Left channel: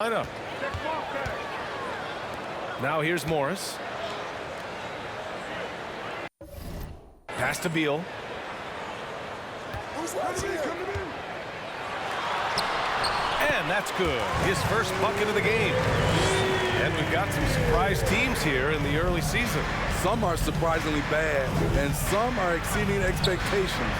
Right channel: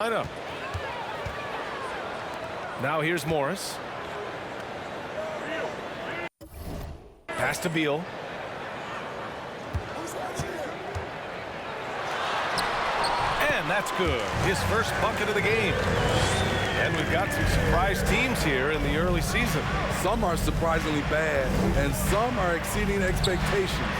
Lineup. Now here's Morris. Pass to Beal. And that's good. His first bucket of the game. And we've got some surprise teams here in the early season. Some are surprisingly bad, and some are exceeding expectations.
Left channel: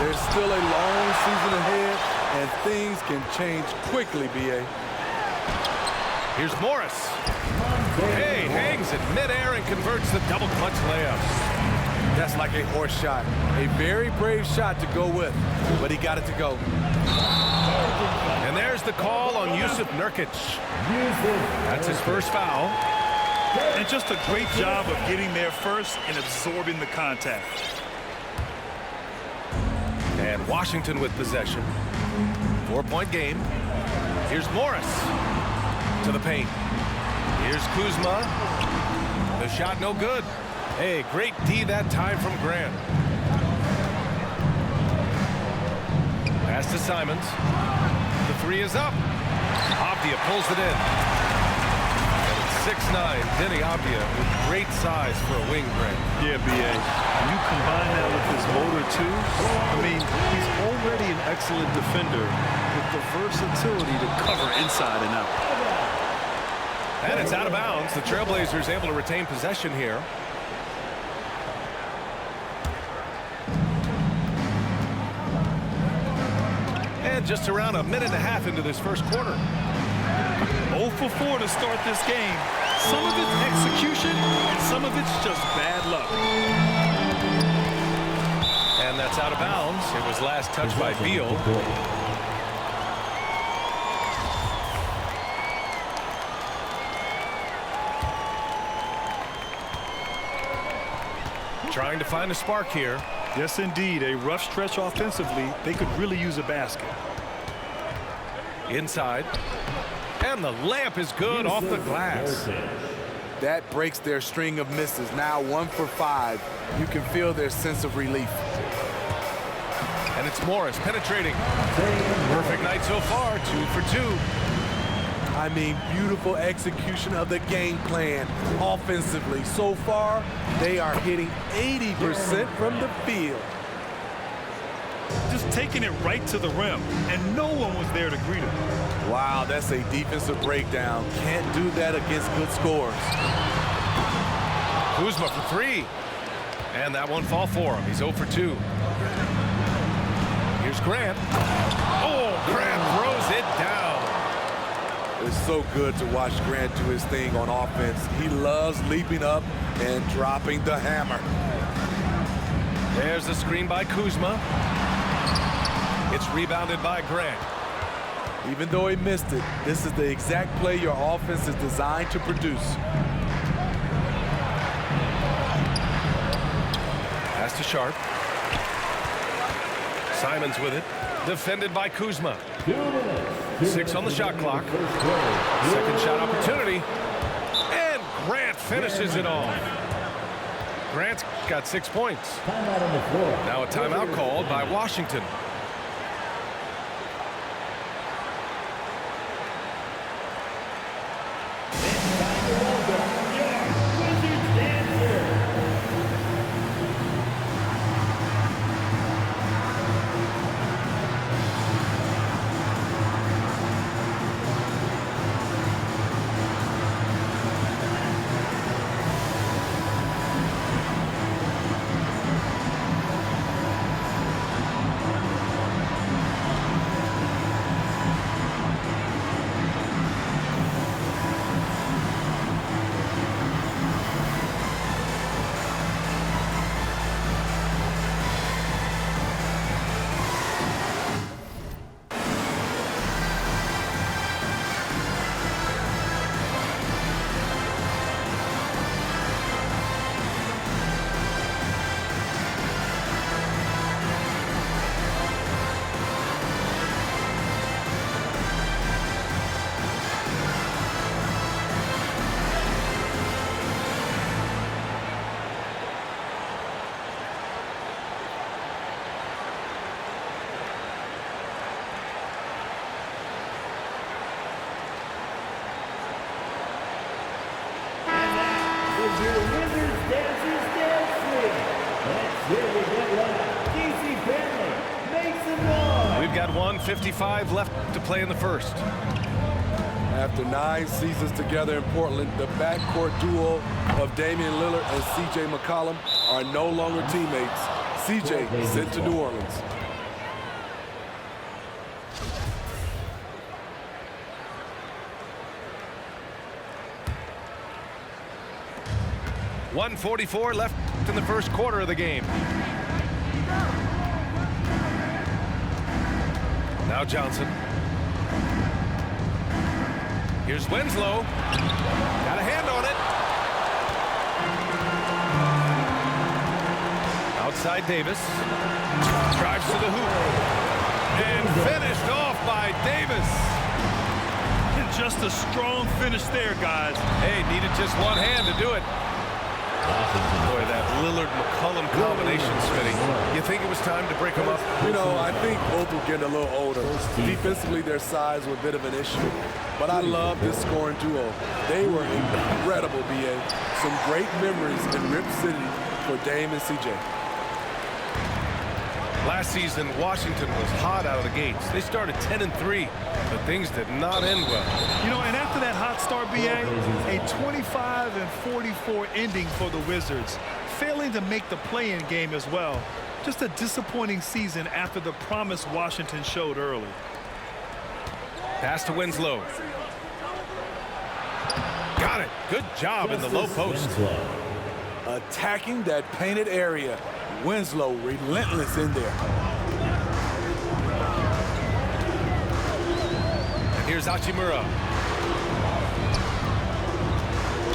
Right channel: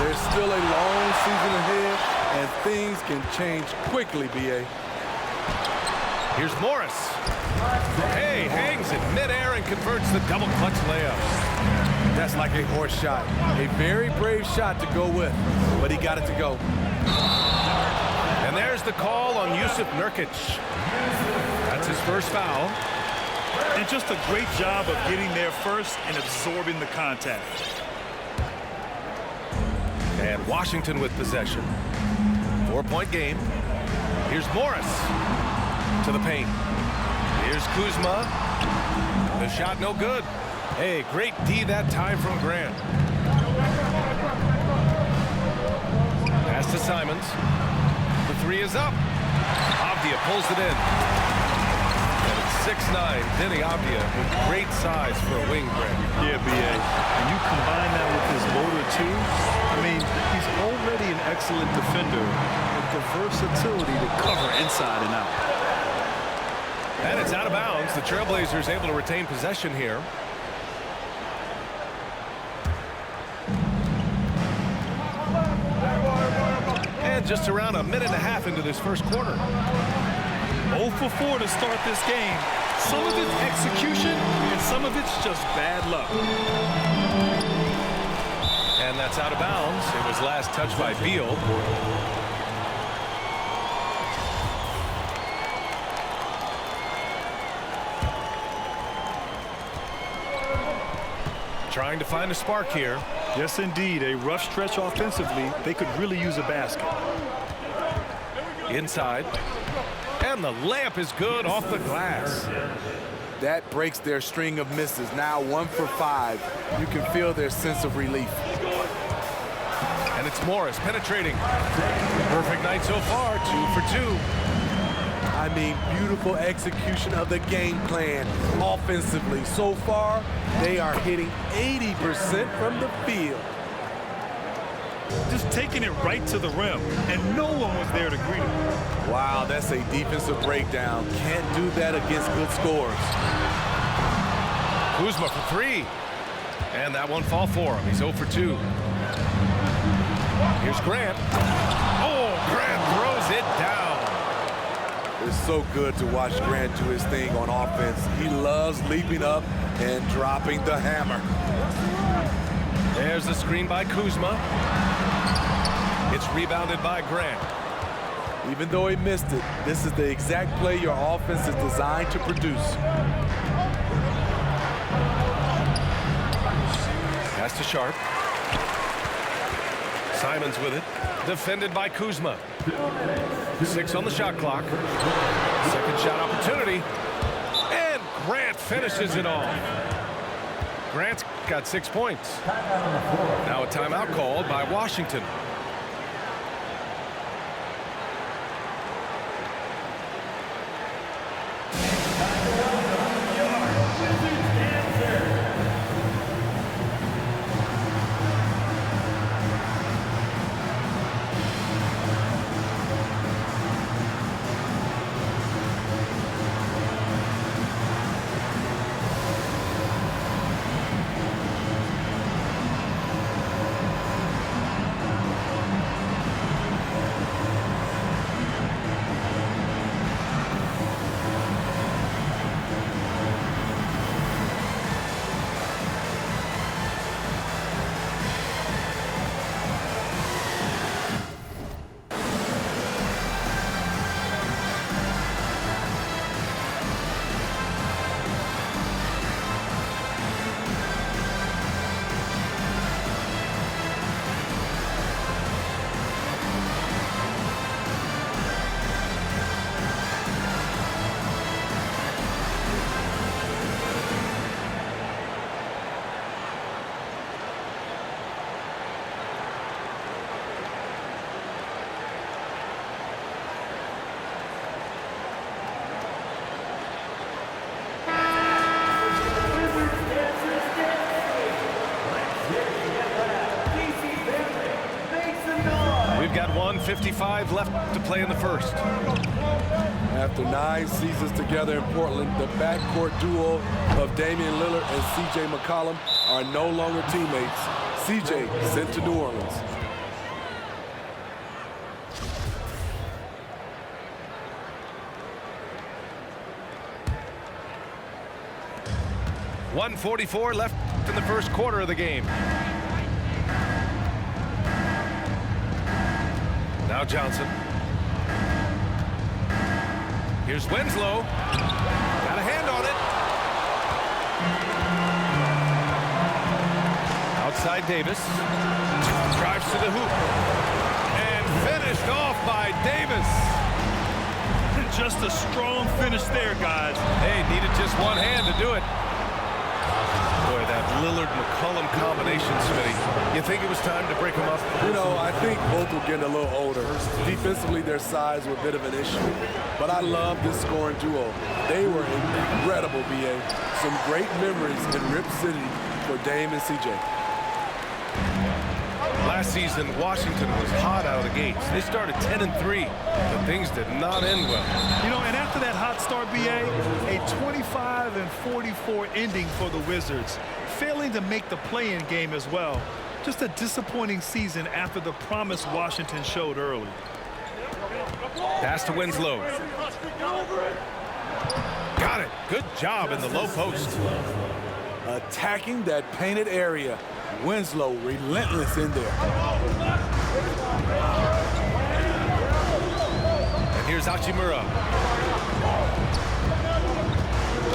There's still a long season ahead, and things can change quickly, B.A. Here's Morris. Hey, hangs in midair and converts the double clutch layup. That's like a horse shot. A very brave shot to go with, but he got it to go. And there's the call on Jusuf Nurkic. That's his first foul. And just a great job of getting there first and absorbing the contact. And Washington with possession. 4-point game. Here's Morris to the paint. Here's Kuzma. The shot no good. Hey, great D that time from Grant. Pass to Simons. The three is up. Avdia pulls it in. And it's 6'9", Deni Avdia with great size for a wing, Grant. Yeah, B.A. And you combine that with his motor, too. I mean, he's already an excellent defender with the versatility to cover inside and out. And it's out of bounds. The Trailblazers able to retain possession here. And just around a minute and a half into this first quarter. 0 for 4 to start this game. Some of it's execution, and some of it's just bad luck. And that's out of bounds. It was last touched by Beal. Trying to find a spark here. Yes, indeed. A rough stretch offensively. They could really use a basket. Inside. And the layup is good off the glass. That breaks their string of misses. Now 1 for 5. You can feel their sense of relief. And it's Morris penetrating. Perfect night so far. 2 for 2. I mean, beautiful execution of the game plan offensively. So far, they are hitting 80% from the field. Just taking it right to the rim, and no one was there to greet him. Wow, that's a defensive breakdown. Can't do that against good scores. Kuzma for 3. And that one fall for him. He's 0 for 2. Here's Grant. Oh, Grant throws it down. It's so good to watch Grant do his thing on offense. He loves leaping up and dropping the hammer. There's the screen by Kuzma. It's rebounded by Grant. Even though he missed it, this is the exact play your offense is designed to produce. Pass to Sharp. Simons with it. Defended by Kuzma. 6 on the shot clock. Second shot opportunity. And Grant finishes it off. Grant's got 6 points. Now a timeout called by Washington. 1:55 left to play in the first. After 9 seasons together in Portland, the backcourt duo of Damian Lillard and C.J. McCollum are no longer teammates. C.J. sent to New Orleans. .144 left in the first quarter of the game. Now Johnson. Here's Winslow. Got a hand on it. Outside Davis. Drives to the hoop. And finished off by Davis. Just a strong finish there, guys. Hey, needed just one hand to do it. Boy, that Lillard-McCollum combination, Smitty. You think it was time to break them up? You know, I think both were getting a little older. Defensively, their size was a bit of an issue. But I love this scoring duo. They were incredible, B.A. Some great memories in Rip City for Dame and C.J. Last season, Washington was hot out of the gates. They started 10-3, but things did not end well. You know, and after that hot start, B.A., a 25-44 ending for the Wizards, failing to make the play-in game as well. Just a disappointing season after the promise Washington showed early. Pass to Winslow. Got it. Good job in the low post. Attacking that painted area. Winslow relentless in there. And here's Hachimura.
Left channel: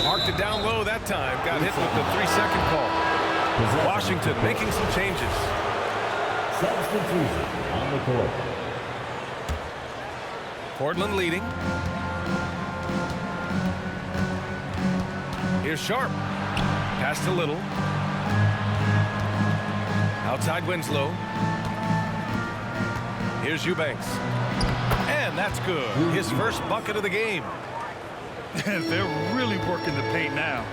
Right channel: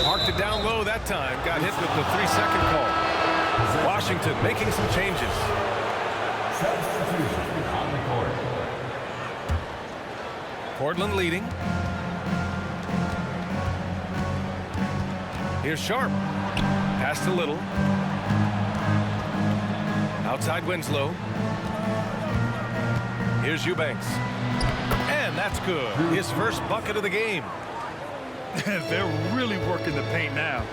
Marked it down low that time. Got hit with the 3-second call. Washington making some changes. Substitution on the court. Portland leading. Here's Sharp. Pass to Little. Outside Winslow. Here's Eubanks. And that's good. His first bucket of the game. They're really working the paint now.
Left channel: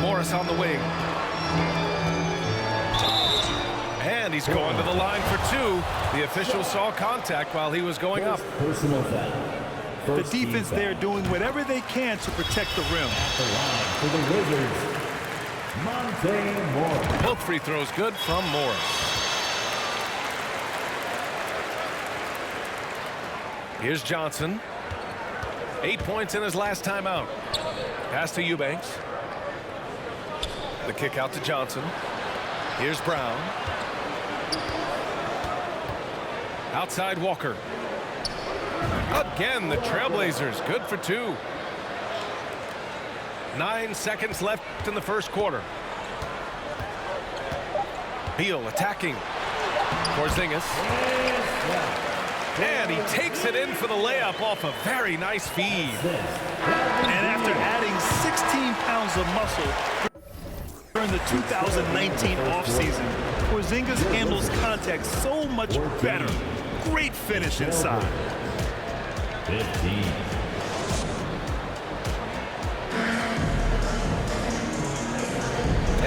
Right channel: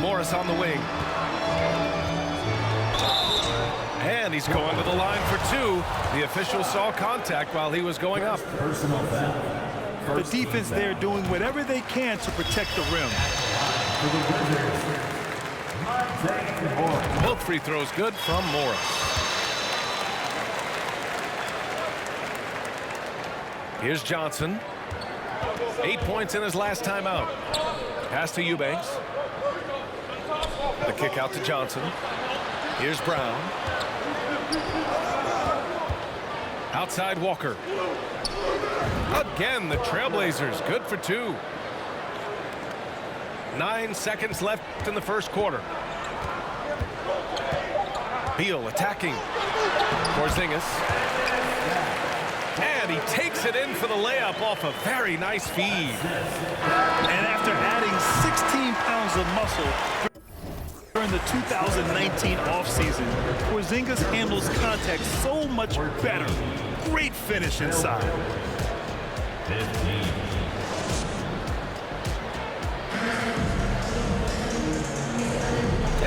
Morris on the wing. And he's going to the line for two. The official saw contact while he was going up. Personal foul. The defense there doing whatever they can to protect the rim. For the Wizards, Monte Morris. Both free throws good from Morris. Here's Johnson. 8 points in his last time out. Pass to Eubanks. The kick out to Johnson. Here's Brown. Outside Walker. Again, the Trailblazers good for two. 9 seconds left in the first quarter. Beal attacking. Porzingis. And he takes it in for the layup off a very nice feed. And after adding 16 pounds of muscle during the 2019 offseason, Porzingis handles contact so much better. Great finish inside. 15.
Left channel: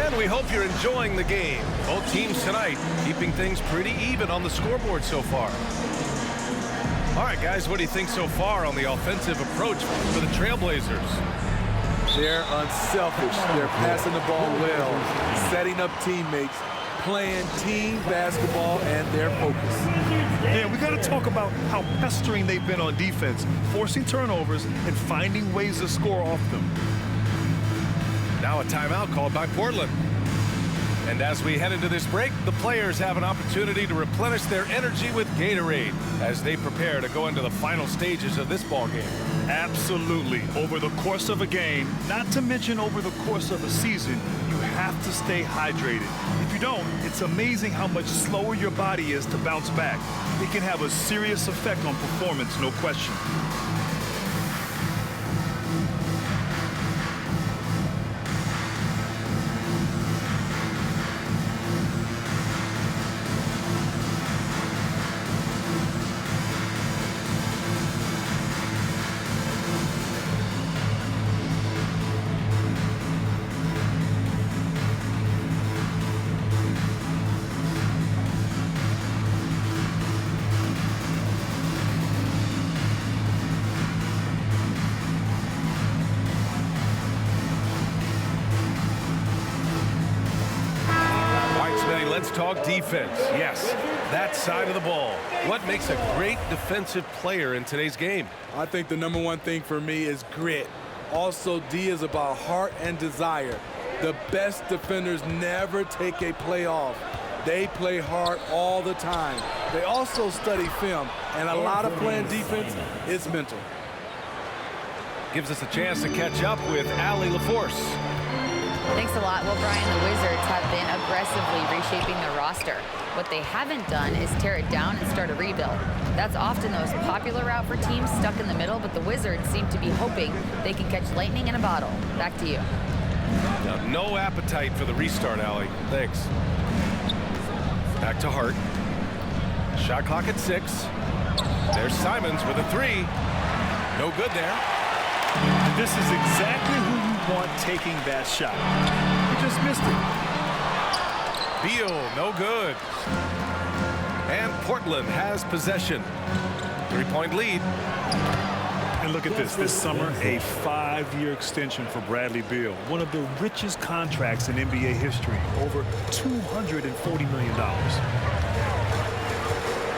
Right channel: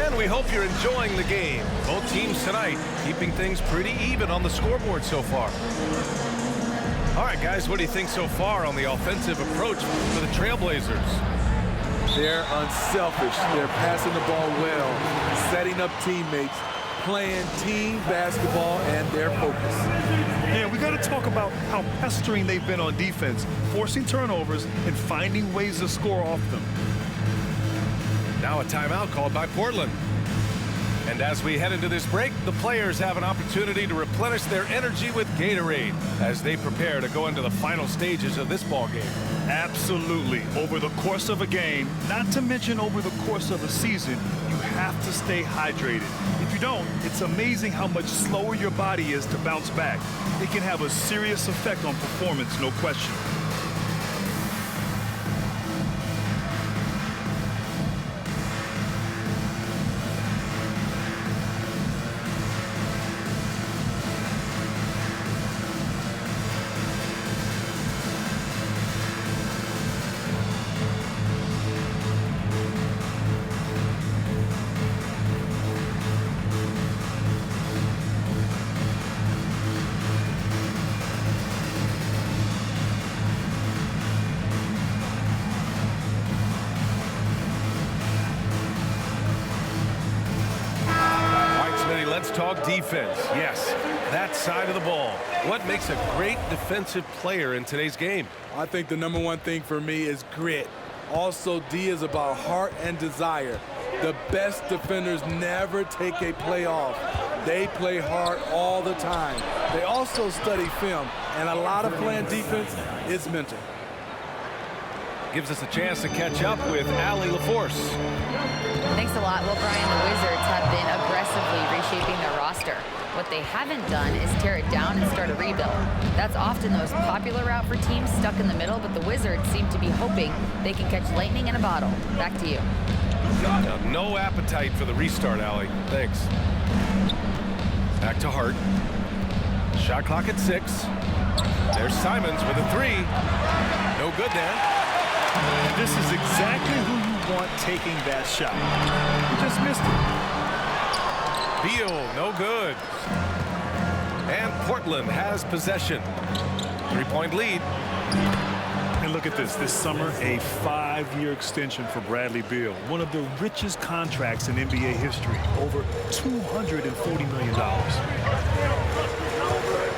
And we hope you're enjoying the game. Both teams tonight keeping things pretty even on the scoreboard so far. All right, guys, what do you think so far on the offensive approach for the Trailblazers? They're unselfish. They're passing the ball well, setting up teammates, playing team basketball, and their focus. Yeah, we got to talk about how pestering they've been on defense, forcing turnovers and finding ways to score off them. Now a timeout called by Portland. And as we head into this break, the players have an opportunity to replenish their energy with Gatorade as they prepare to go into the final stages of this ball game. Absolutely. Over the course of a game, not to mention over the course of a season, you have to stay hydrated. If you don't, it's amazing how much slower your body is to bounce back. It can have a serious effect on performance, no question. let's talk defense. Yes, that side of the ball. What makes a great defensive player in today's game? I think the number one thing for me is grit. Also, D is about heart and desire. The best defenders never take a play off. They play hard all the time. They also study film, and a lot of playing defense is mental. Gives us a chance to catch up with Allie LaForce. Thanks a lot. Well, Brian, the Wizards have been aggressively reshaping their roster. What they haven't done is tear it down and start a rebuild. That's often the most popular route for teams stuck in the middle, but the Wizards seem to be hoping they can catch lightning in a bottle. Back to you. Now, no appetite for the restart, Allie. Thanks. Back to Hart. Shot clock at 6. There's Simons with a 3. No good there. And this is exactly who you want taking that shot. You just missed it. Beal, no good. And Portland has possession. 3-point lead. And look at this. This summer, a 5-year extension for Bradley Beal. One of the richest contracts in NBA history. Over $240 million.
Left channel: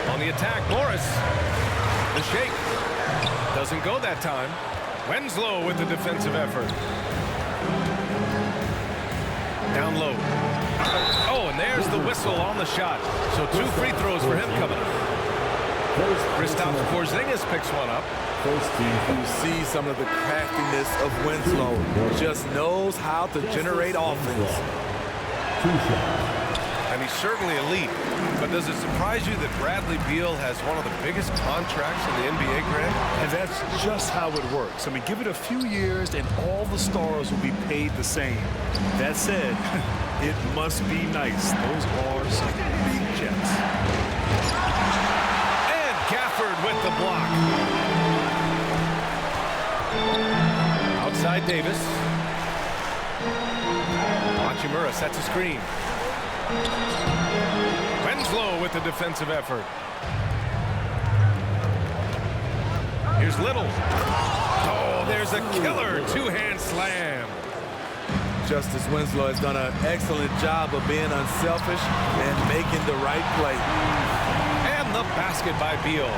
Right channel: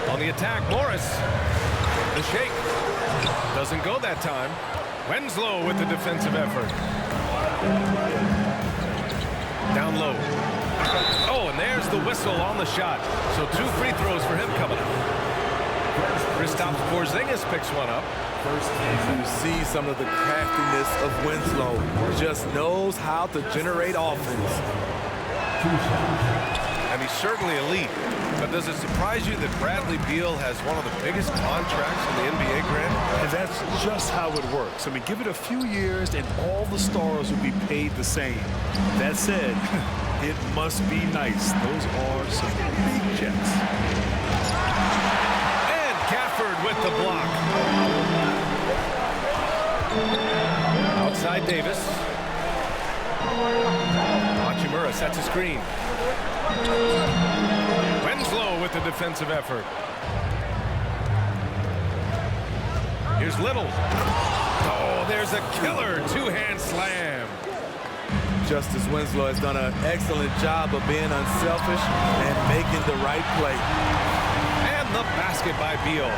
On the attack, Morris. The shake. Doesn't go that time. Winslow with the defensive effort. Down low. Oh, and there's the whistle on the shot. So 2 free throws for him coming up. Kristaps Porzingis picks one up. You see some of the craftiness of Winslow. Just knows how to generate offense. And he's certainly elite. But does it surprise you that Bradley Beal has one of the biggest contracts in the NBA, Grant? And that's just how it works. I mean, give it a few years and all the stars will be paid the same. That said, it must be nice. Those are some big checks. And Gafford with the block. Outside Davis. Hachimura sets a screen. Winslow with the defensive effort. Here's Little. Oh, there's a killer 2-hand slam. Justice Winslow has done an excellent job of being unselfish and making the right play. And the basket by Beal.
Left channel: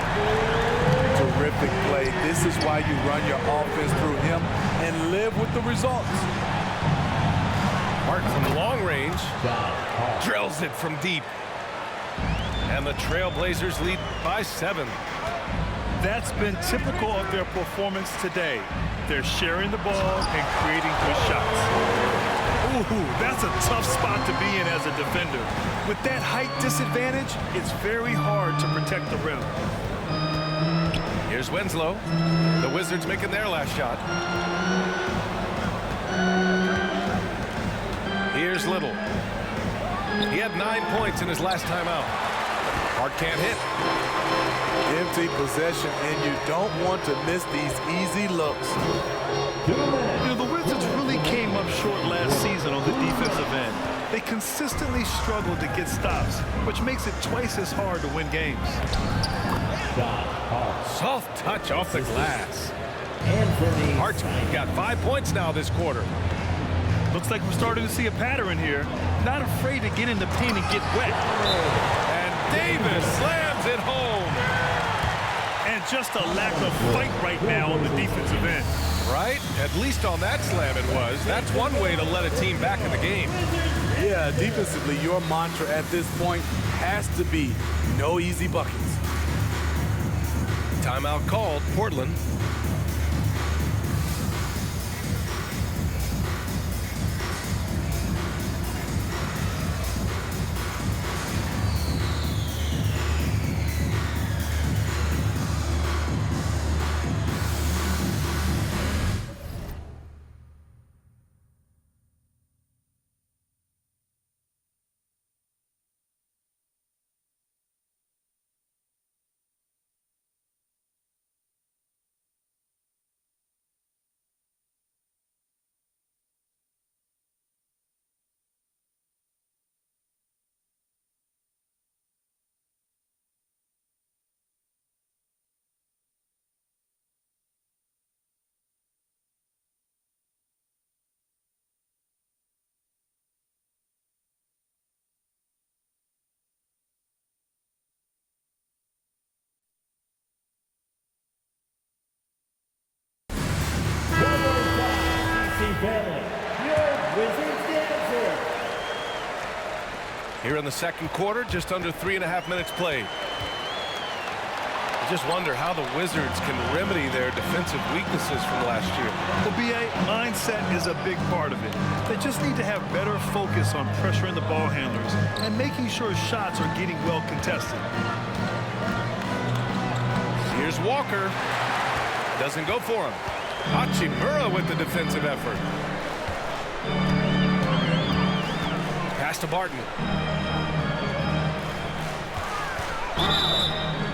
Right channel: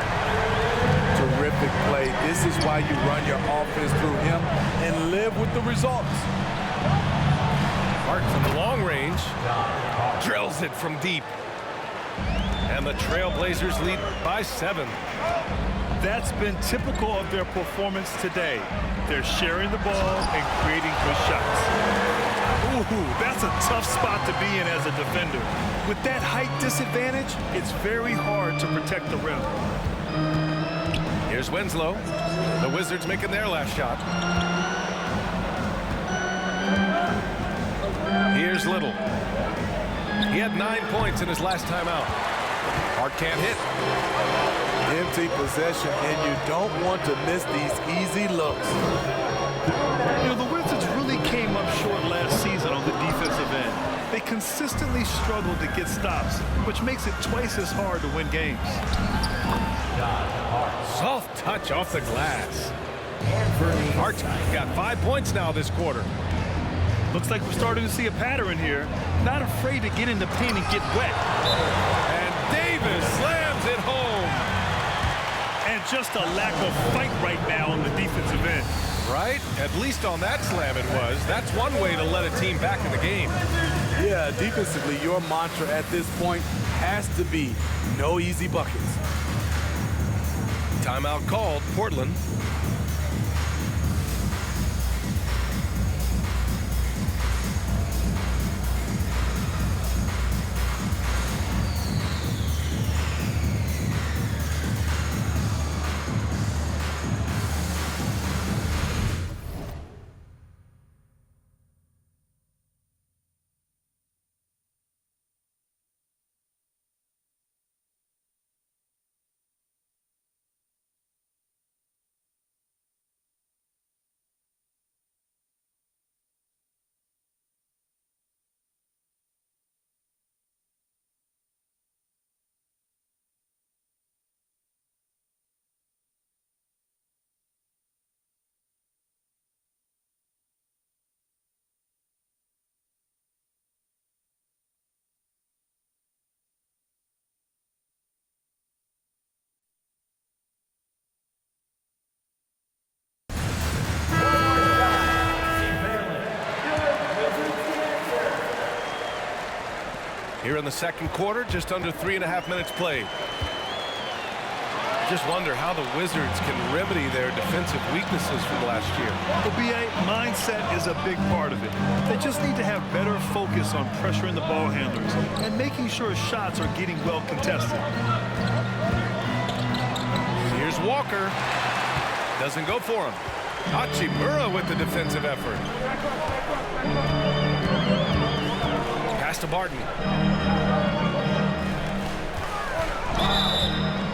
Terrific play. This is why you run your offense through him and live with the results. Hart from long range. Drills it from deep. And the Trailblazers lead by 7. That's been typical of their performance today. They're sharing the ball and creating good shots. Ooh, that's a tough spot to be in as a defender. With that height disadvantage, it's very hard to protect the rim. Here's Winslow. The Wizards making their last shot. Here's Little. He had 9 points in his last time out. Hart can't hit. Empty possession, and you don't want to miss these easy looks. You know, the Wizards really came up short last season on the defensive end. They consistently struggled to get stops, which makes it twice as hard to win games. Soft touch off the glass. Hart got 5 points now this quarter. Looks like we're starting to see a pattern here. Not afraid to get in the paint and get wet. And Davis slams it home. And just a lack of fight right now on the defensive end. Right? At least on that slam it was. That's one way to let a team back in the game. Yeah, defensively, your mantra at this point has to be no easy buckets. Timeout called, Portland. Here in the second quarter, just under 3.5 minutes played. I just wonder how the Wizards can remedy their defensive weaknesses from last year. Well, BA, mindset is a big part of it. They just need to have better focus on pressuring the ball handlers and making sure shots are getting well contested. Here's Walker. Doesn't go for him. Hachimura with the defensive effort. Pass to Barton.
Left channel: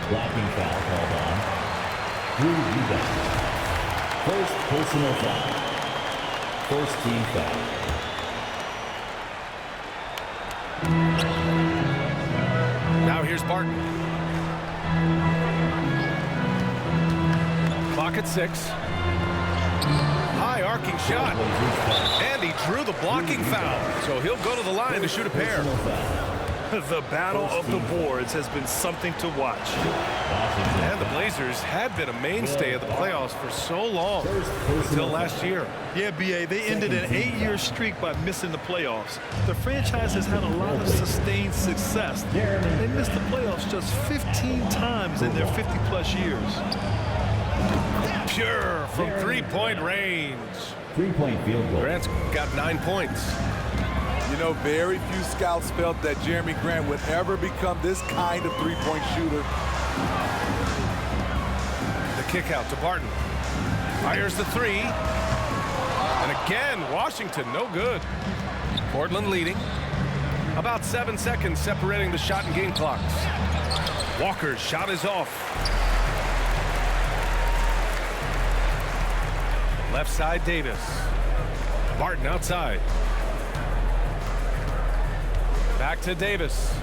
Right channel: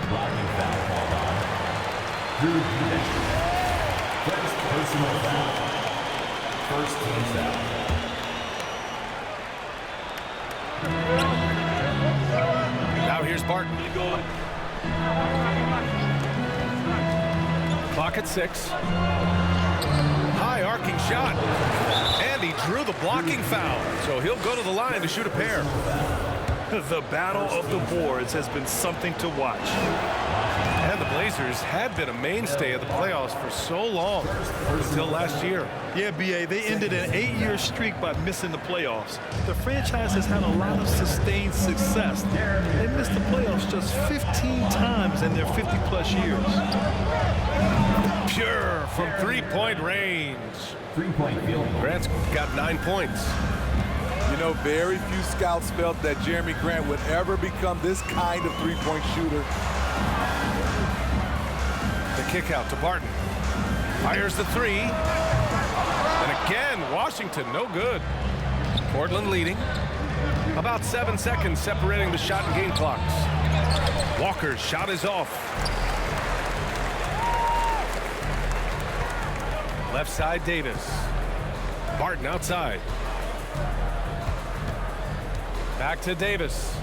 Blocking foul called on Drew Eubanks. First personal foul. First team foul. Now here's Barton. Clock at 6. High arcing shot. And he drew the blocking foul. So he'll go to the line to shoot a pair. The battle of the boards has been something to watch. And the Blazers had been a mainstay of the playoffs for so long, until last year. Yeah, BA, they ended an 8-year streak by missing the playoffs. The franchise has had a lot of sustained success. They missed the playoffs just 15 times in their 50-plus years. Pure from three-point range. Three-point field goal. Grant's got 9 points. You know, very few scouts felt that Jeremy Grant would ever become this kind of three-point shooter. The kick out to Barton. Fires the three. And again, Washington, no good. Portland leading. About 7 seconds separating the shot and game clocks. Walker's shot is off. Left side, Davis. Barton outside. Back to Davis.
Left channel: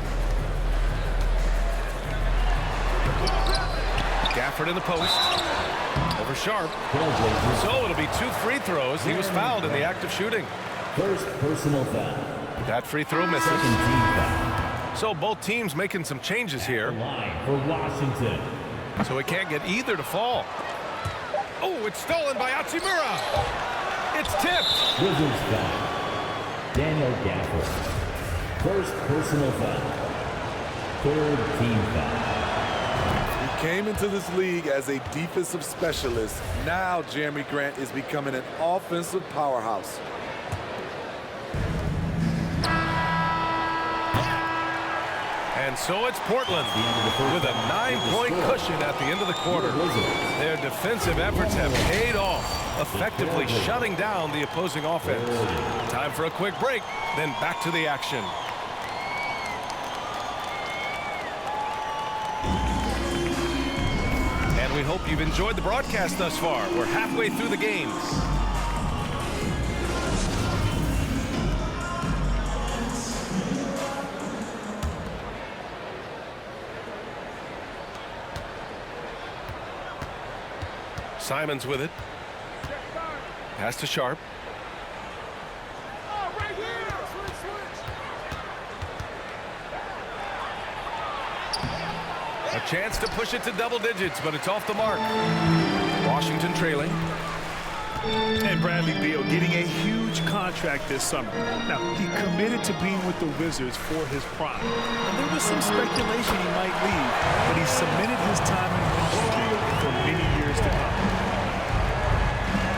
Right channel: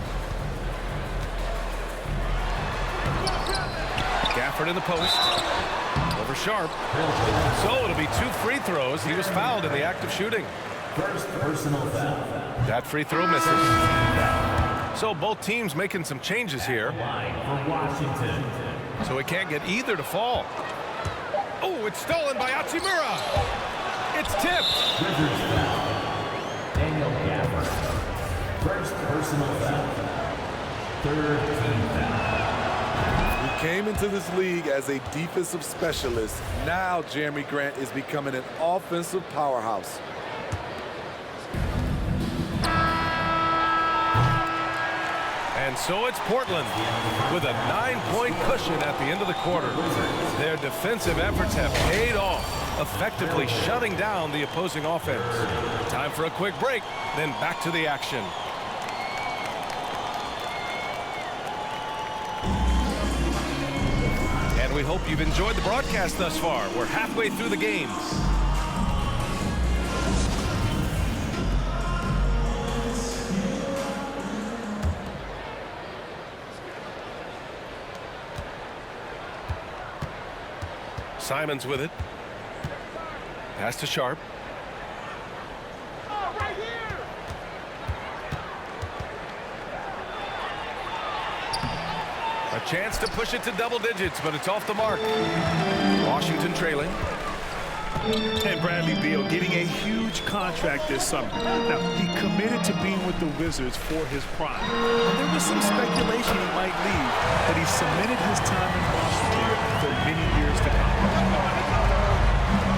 Gafford in the post. Over Sharp. So it'll be 2 free throws. He was fouled in the act of shooting. First personal foul. That free throw misses. Second team foul. So both teams making some changes here. Line for Washington. So he can't get either to fall. Oh, it's stolen by Hachimura. It's tipped. Wizards foul. Daniel Gafford. First personal foul. Third team foul. He came into this league as a defensive specialist. Now Jeremy Grant is becoming an offensive powerhouse. And so it's Portland with a 9-point cushion at the end of the quarter. Their defensive efforts have paid off, effectively shutting down the opposing offense. Time for a quick break, then back to the action. And we hope you've enjoyed the broadcast thus far. We're halfway through the games. Simons with it. Pass to Sharp. A chance to push it to double digits, but it's off the mark. Washington trailing. And Bradley Beal getting a huge contract this summer. Now, he committed to being with the Wizards for his prime. And there was some speculation he might leave, but he cemented his time in Washington for many years to come.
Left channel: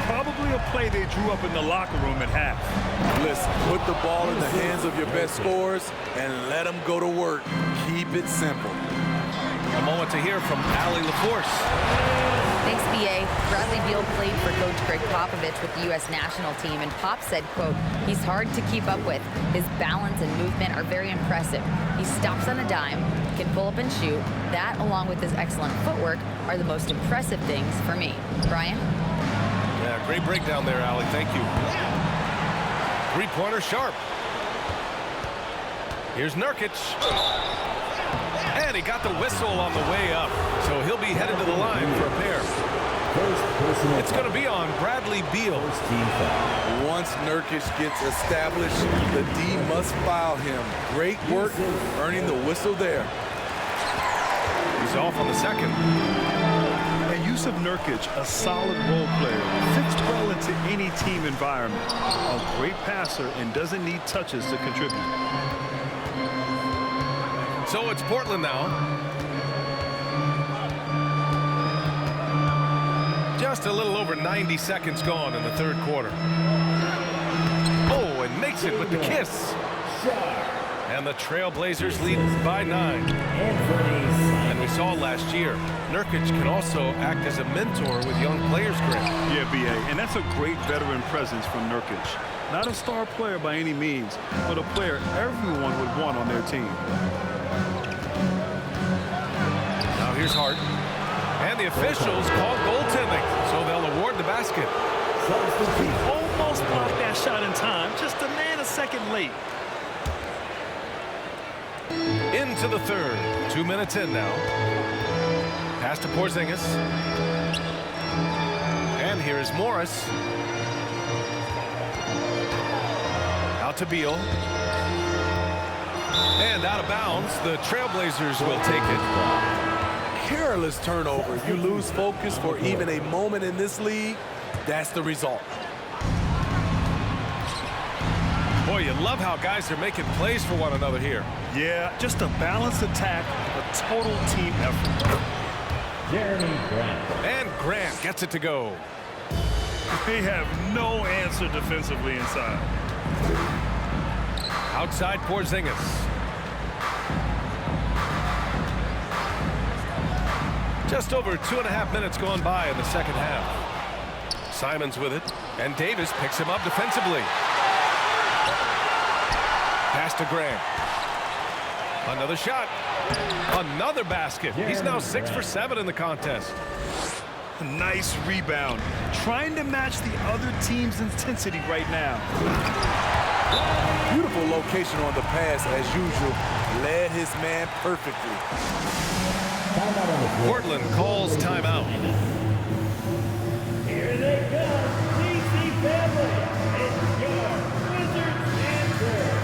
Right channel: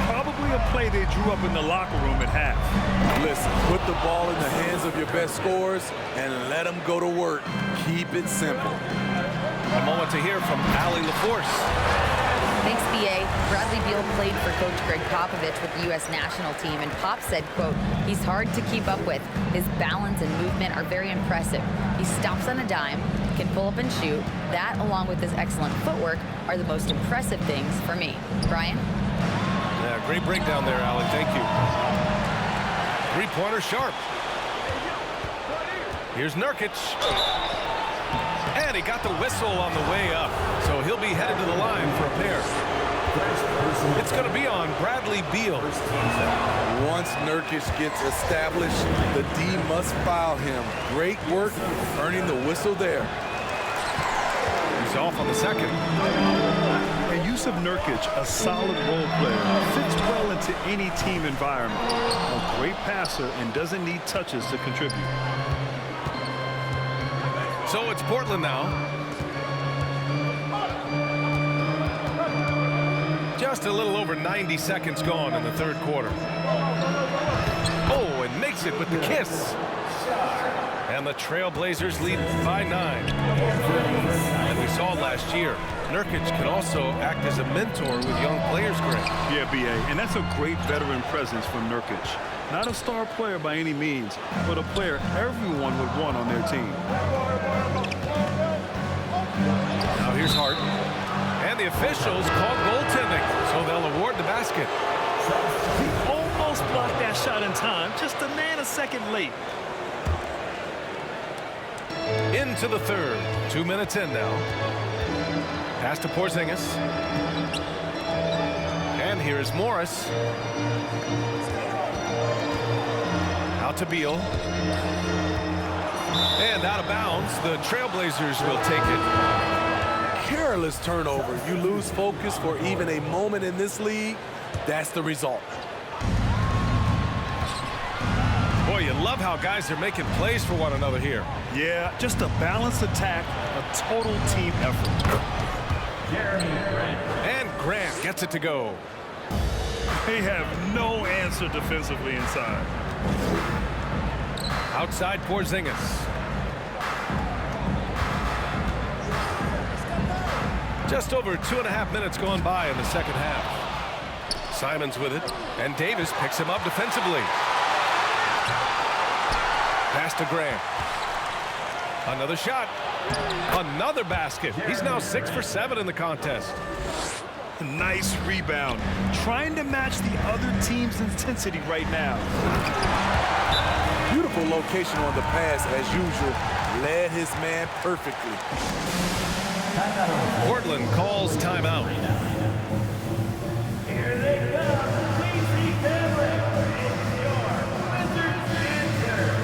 Probably a play they drew up in the locker room at half. Listen, put the ball in the hands of your best scorers and let them go to work. Keep it simple. A moment to hear from Allie LaForce. Thanks, B.A. Bradley Beal played for Coach Greg Popovich with the U.S. national team, and Pop said, quote, he's hard to keep up with. His balance and movement are very impressive. He stops on a dime, can pull up and shoot. That, along with his excellent footwork, are the most impressive things for me. Brian? Yeah, great breakdown there, Allie. Thank you. Three-pointer Sharp. Here's Nurkic. And he got the whistle on the way up. So he'll be headed to the line for a pair. It's going to be on Bradley Beal. Once Nurkic gets established, the D must foul him. Great work earning the whistle there. He's off on the second. And Jusuf Nurkic, a solid role player, fits well into any team environment. A great passer and doesn't need touches to contribute. So it's Portland now. Just a little over 90 seconds gone in the third quarter. Oh, and makes it with the kiss. And the Trailblazers lead by 9. And we saw last year, Nurkic can also act as a mentor with young players, Greg. Yeah, B.A., and that's a great veteran presence from Nurkic. Not a star player by any means, but a player everyone would want on their team. Now here's Hart. And the officials called goaltending, so they'll award the basket. He almost blocked that shot in time, just a nanosecond late. Into the third. 2 minutes in now. Pass to Porzingis. And here is Morris. Out to Beal. And out of bounds. The Trailblazers will take it. Careless turnover. You lose focus for even a moment in this league. That's the result. Boy, you love how guys are making plays for one another here. Yeah, just a balanced attack, a total team effort. Jeremy Grant. And Grant gets it to go. They have no answer defensively inside. Outside Porzingis. Just over 2.5 minutes gone by in the second half. Simons with it, and Davis picks him up defensively. Pass to Graham. Another shot. Another basket. He's now 6 for 7 in the contest. Nice rebound. Trying to match the other team's intensity right now. Beautiful location on the pass as usual. Led his man perfectly. Portland calls timeout. Here they come. DC family. It's your Wizards answer.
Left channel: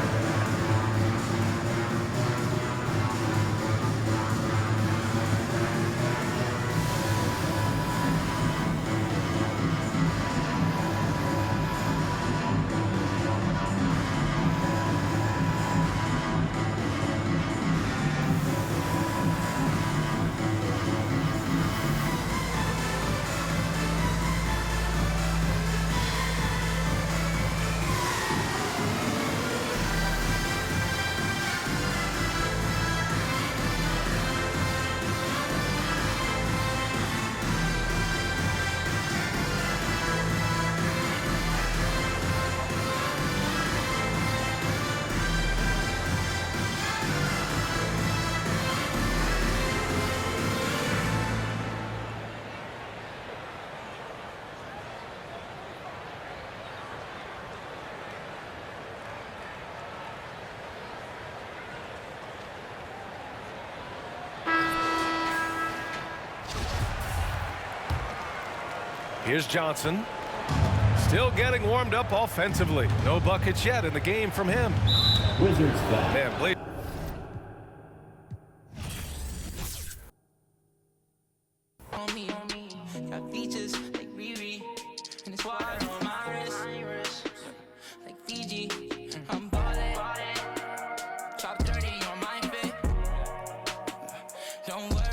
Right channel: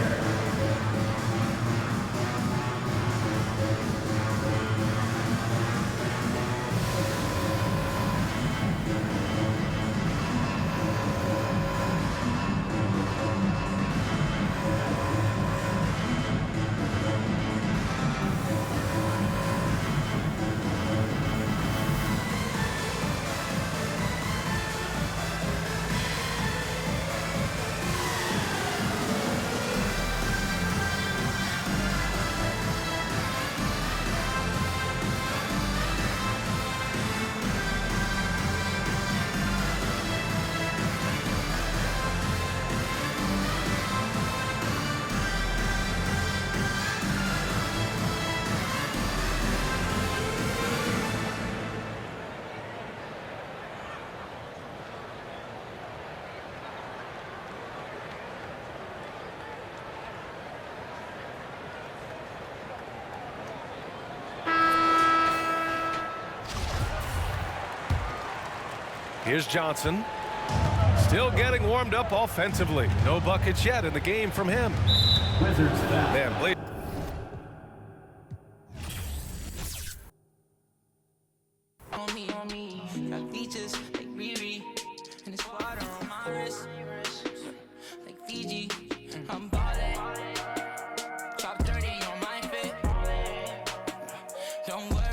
Here's Johnson. Still getting warmed up offensively. No buckets yet in the game from him. Wizards foul. Man, Blade. On me, got features like Riri, and it's water on my wrist, like Fiji. I'm ballin', top 30 on my fit. Don't worry.